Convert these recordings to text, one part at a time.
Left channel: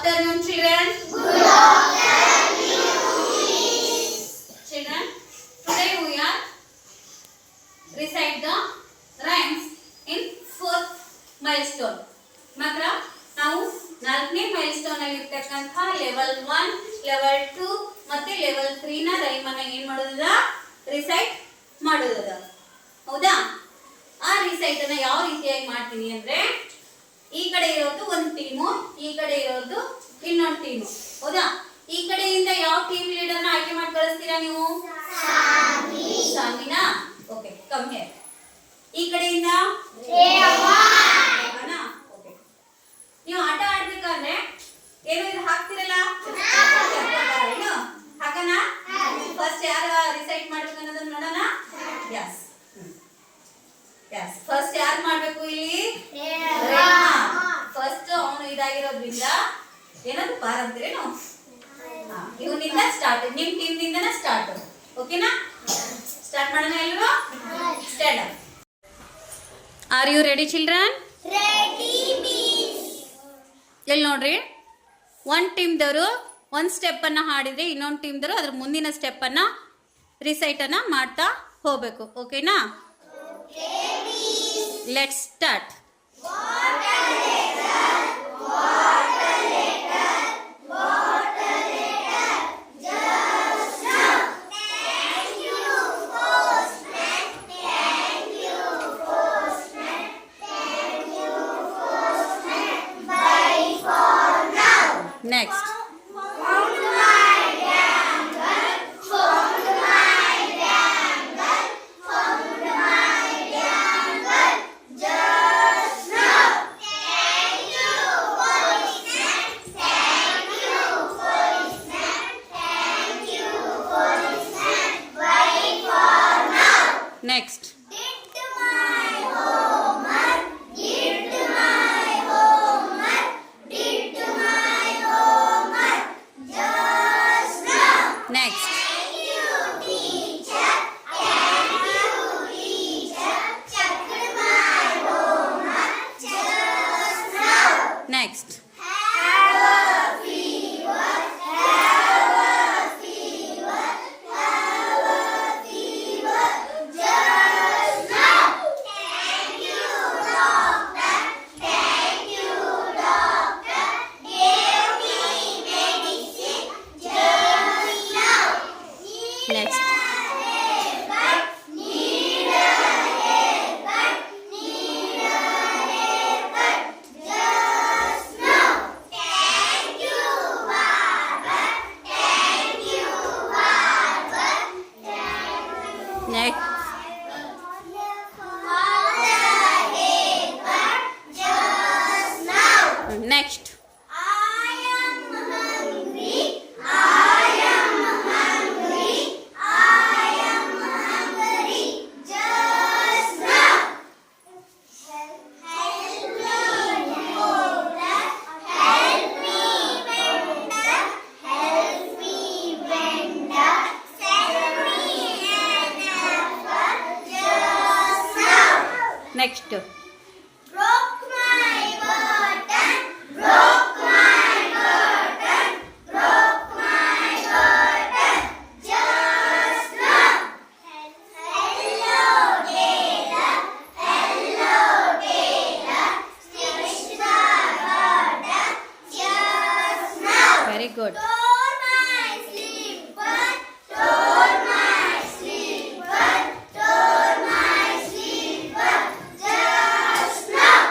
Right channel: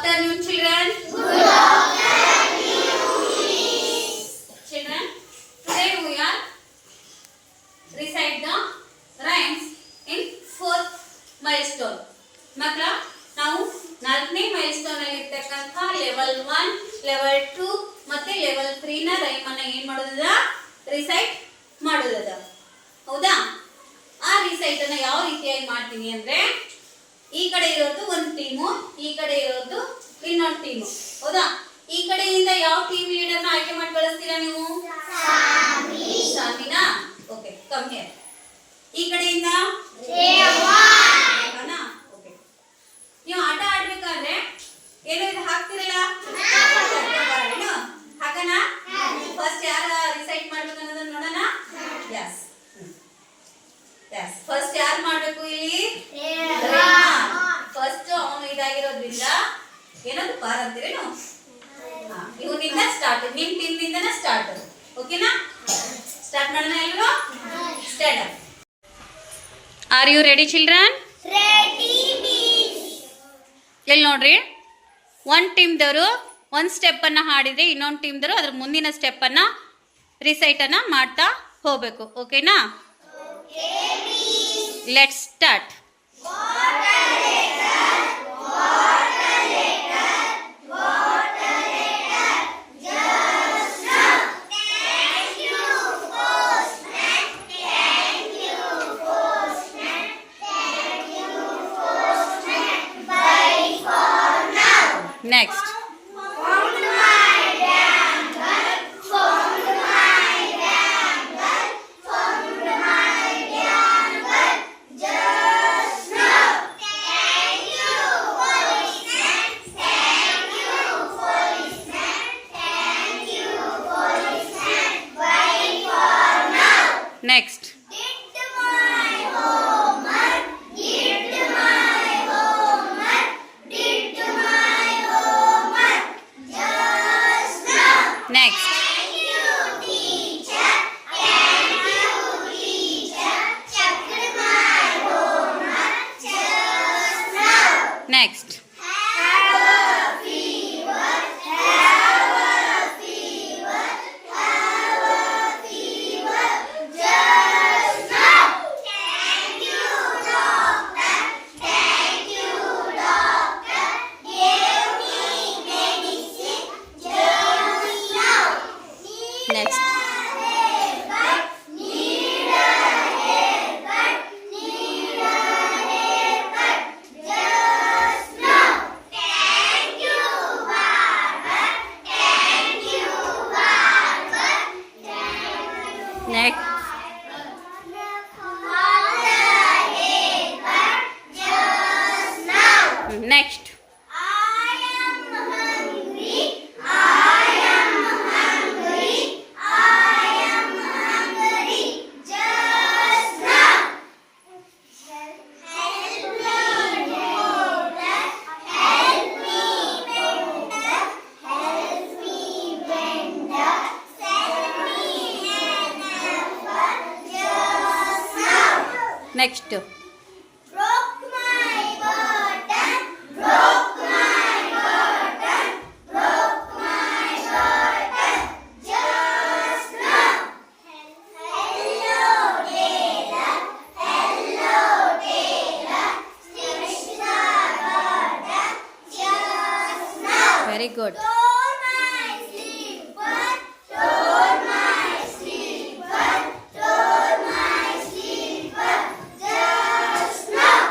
afternoon, children. Children, today we are recite the rhymes in fourth milestone. ಮಕ್ಕಳ ನಾವು 4ನೇ ಮೈಲ್ಸ್ಟೋನ್ ಅಲ್ಲಿ ಇರತಕ್ಕಂತ ಲೆವೆಲ್ 1, ಲೆವೆಲ್ 2 ಮತ್ತೆ ಲೆವೆಲ್ 3 ನ ರೈಮ್ ಅನ್ನು ಏನು ಮಾಡೋದದ ರಿಸೈಟ್ ಮಾಡೋದದ. ಹೌದಾ? ಆ ರಿಸೈಟ್ ಅನ್ನು ಯಾವ ರೀತಿಯಾಗಿ ಮಾಡ್ತೀನಿ ಅಂದ್ರೆ ಈ ಕಡೆ ಇರೋದು ಒಂದು ಟೀಮು, ಈ ಕಡೆ ಇರೋದು ಇನ್ನೊಂದು ಟೀಮು. ಹೌದಾ? ಈ ಕಡೆಯಿಂದ ಯಾವ ಟೀಮ್ ಲೀಡರ್ನ ಆಯ್ಕೆ ಮಾಡಿ ಕಳಿಸ್ತೀರಾ ನೀವು? ಸಾಮಿನಾ. Okay, come here. ಈ ಕಡೆಯಿಂದ ಓಕೆ. ನೀವು ಆಟ ಆಡ್ಬೇಕಾದ್ರೆ ಏನು ಇದು ಹಾಕ್ತಿರಲ್ಲ, ಏನು ಹಾಕನ? ಫಸ್ಟ್ ಯಾರು ರಿಸೈಟ್ ಮಾಡ್ಬೇಕು ಅನ್ನೋದನ್ನ ನೋಡೋಣ. ಯಸ್ ಯಸ್, ಫಸ್ಟ್ ಯಾರು ಮಾಡ್ಬೇಕು ಇಲ್ಲಿ? ಫಸ್ಟ್ ಅವನು ಇದಾಗಿರೋದ್ರಿಂದ ಏನದು ಪಾರ್ ಅಂತೀರೇನು? ಇವನಿಂದ ಸ್ಟಾರ್ಟ್, ನಿಮ್ ಟೀಮ್ ನಿಂದನ ಸ್ಟಾರ್ಟ್. ಓಕೆನಾ? ಸ್ಟಾರ್ಟ್ ಮಾಡೋಣ ಎಲ್ಲರೂ. Start. Are you ready children? Ready miss. ಎಲ್ಲಿ ನೋಡ್ರಿ, ಒಂದು ಟೀಮ್ದವರು ಒಂದು ಸ್ಟೆಪ್ ಅನ್ನ ಹಾಡಿದ್ರೆ ಇನ್ನೊಂದು ಟೀಮ್ದವರು ಅದ್ರ ಮುಂದಿನ ಸ್ಟೆಪ್ ಅನ್ನ ರಿಸೈಟ್ ಅನ್ನ ಮಾಡ್ತಾ ಹೋಗ್ಬೇಕು. ಓಕೆನಾ? Let's start. Next. Next. Next. Next. Next. Next. Next. Next. Broke my button, broke my button, broke my button just now. Hello tailor, stitch the button just now. Very good. Tore my slipper, tore my slipper, tore my slipper just now.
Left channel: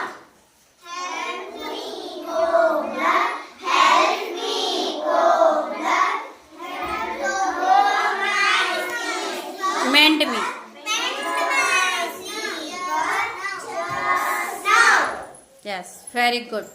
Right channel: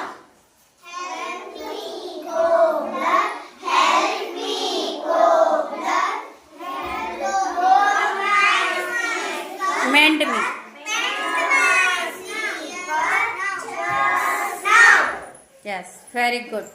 Help me, cobbler, help me, cobbler, tore my slipper. Mend me. Mend my slipper just now. Yes, very good.